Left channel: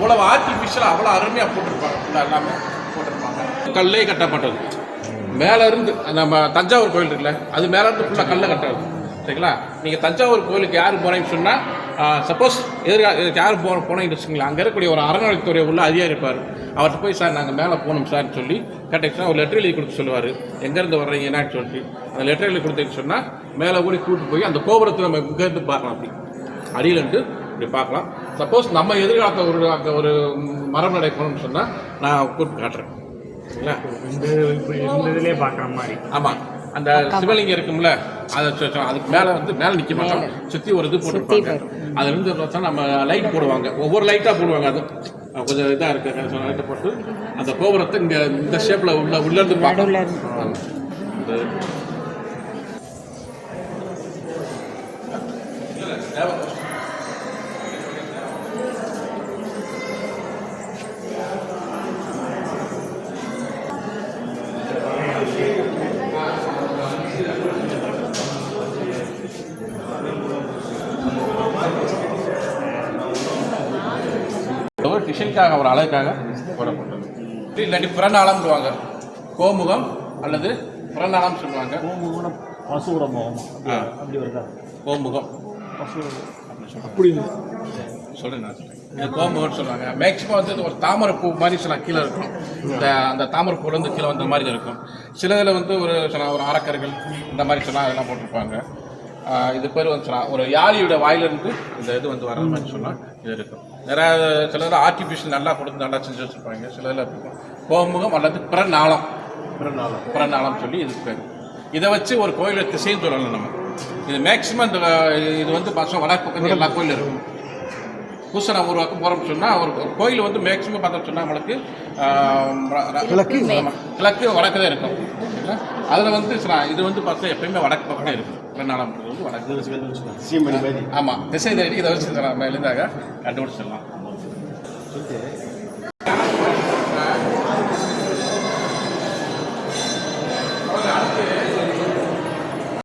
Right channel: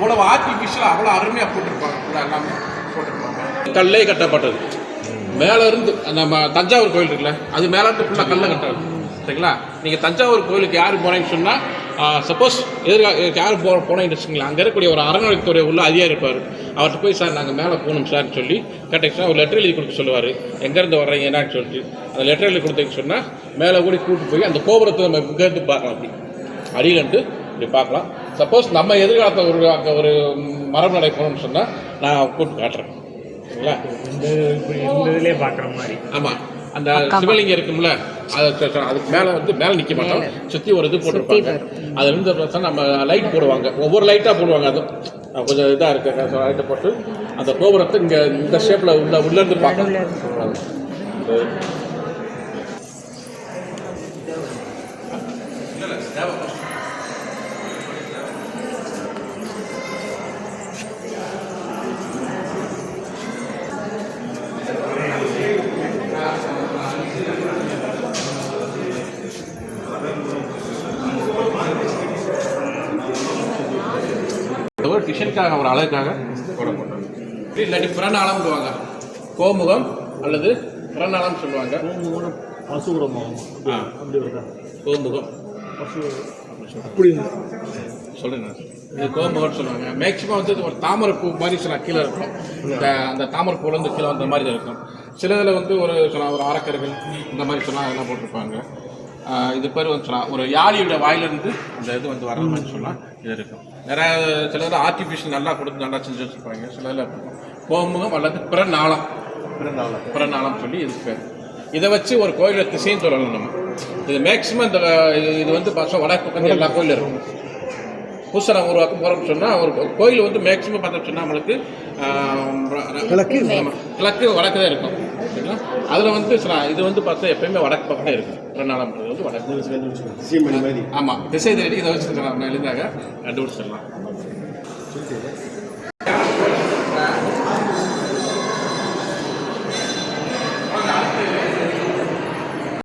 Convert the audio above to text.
அவ்வளோ ஆர்டிஃபிஷியலாக அவ்வளோ அருமையாக போட்டிருப்பாங்க. ஃபுல்லாக எல்லாமே போட்டிருப்பாங்க. கல்லே கட்டப்பட்டது. மேலே இருந்து நம்ம தஞ்சாவூர் கோயில் இருக்குல்ல, அது மேலே இருந்து ஃபுல்லாக கல்லை கட்டாது. சரிங்களா? நீங்கள் தஞ்சாவூர் கோயிலுக்கு யார் போனீங்கன்னு சொன்னால், சப்போஸ் யார் போனீங்கன்னு வச்சுங்களா, அங்கே இருக்கக்கூடிய ஒரு அறநிலையத்துறை உள்ள அதிகாரி இருப்பார். அவர்கிட்ட போய் சார் நாங்கள் மேலே போகணும் சார்னு சொல்லி கேட்டீங்கன்னா ஒரு லெட்டர் எழுதி கொடுக்க சொல்லுவார். எங்கேருந்து வர்றீங்க என்னன்னு சொல்லிட்டு அந்த லெட்டர் எழுதி கொடுத்தீங்கன்னு சொன்னால் மேலே கூட கூப்பிட்டு போய் அந்த கோபுரத்தை நம்ம இங்கேருந்து பார்க்கலாம். அப்படி அடியிலன்ட்டு இப்படி பார்க்கலாம். சப்போஸ் நம்ம எதிர்காலத்தில் அங்கே ஒரு மரம் நடை போகணும்னு சொன்னால் நான் கூப்பிட்டு காட்டுறேன். சரிங்களா? இந்த இதுலேயே பார்க்குற மாதிரி. ஆமாம், அந்த சிவலிங்கம் இருக்கும்ல, அதை அதுக்கு மேலே நிற்க மாட்டோம். சுற்றி ஒரு இது போட்டுருப்பாங்க. அதில் இருந்து பார்த்தா நம்ம லைட் போடுவாங்க. ஒவ்வொரு லைட்டாக போடுவாங்க. அது கொஞ்சம் இதாக இருக்குது. லைட்டை போட்டு அந்த கோபுரத்தை இங்கே இந்த ஷேப்பில் உள்ளேருந்து பார்க்கணும். ஒரு டிஷனுக்காக ஒரு அழகுக்காக போடப்பட்டது. இல்லாட்டி பிறநாளம்னுவாங்க. கோமுகம் அல்லது பிறநாளம் சொல்லுவாங்க. கோமுகம் பசுர முகம் அப்படி இருக்கா? கோமுகம் அப்படி சொல்கிறேன் நான். இது கோமுகம்னு சொல்லுவாங்க. மேக்ஸிமம் வந்து ஒரு தாமரை பூ மாதிரி சொல்லலாம் கீழே இருக்கும். அந்த தாமரை பூலேருந்து கீழே வந்த மாதிரி இருக்கும். சில இதில் வந்து ஒரு அரக்கர்கள் இந்த மாதிரி சொல்லலாம் அதெல்லாம் போட்டிருப்பாங்க. இது பேர் வந்து சொல்லலாம் ஒரு யாரியோட வாயிலிருந்து இந்த இது வந்து வர மாதிரி சொல்லலாம். இது இருக்கும். நிறைய சில இதில் ஆர்டிஃபிஷியல் நல்லா கொடுத்து நல்லா செஞ்சு வச்சுருப்பாங்க. சில இதில் இருக்கும் கோமுகம் அல்லது பிறநாளம் சொல்லி இது பேர். இதை வச்சு ஒரு கோயிலை திசைன்னு சொல்லலாம் நம்ம. இது மேக்ஸிமம் இது வந்து பசங்க வடக்கு பக்கத்தில் எல்லா கோயிலும் இருக்கும். புதுசாக நம்ம உருவாக்க போகிறோம்னு சொன்னால் ஒரு கோயில் வந்து மேக்ஸிமம் பார்த்தோம்னு சொன்னால் நம்மளுக்கு கிழக்கு வடக்கு தான் இருக்கும். சரிங்களா? அதில் வந்து இது வந்து பார்த்தா எப்பயுமே வடக்கு பக்கம் தான் இருக்கும். பிறநாளம் வந்து வடக்கு. ஆமாம், திசை தேடி இதை வச்சு எழுந்தாக கண்டுபிடிச்சிடலாம்.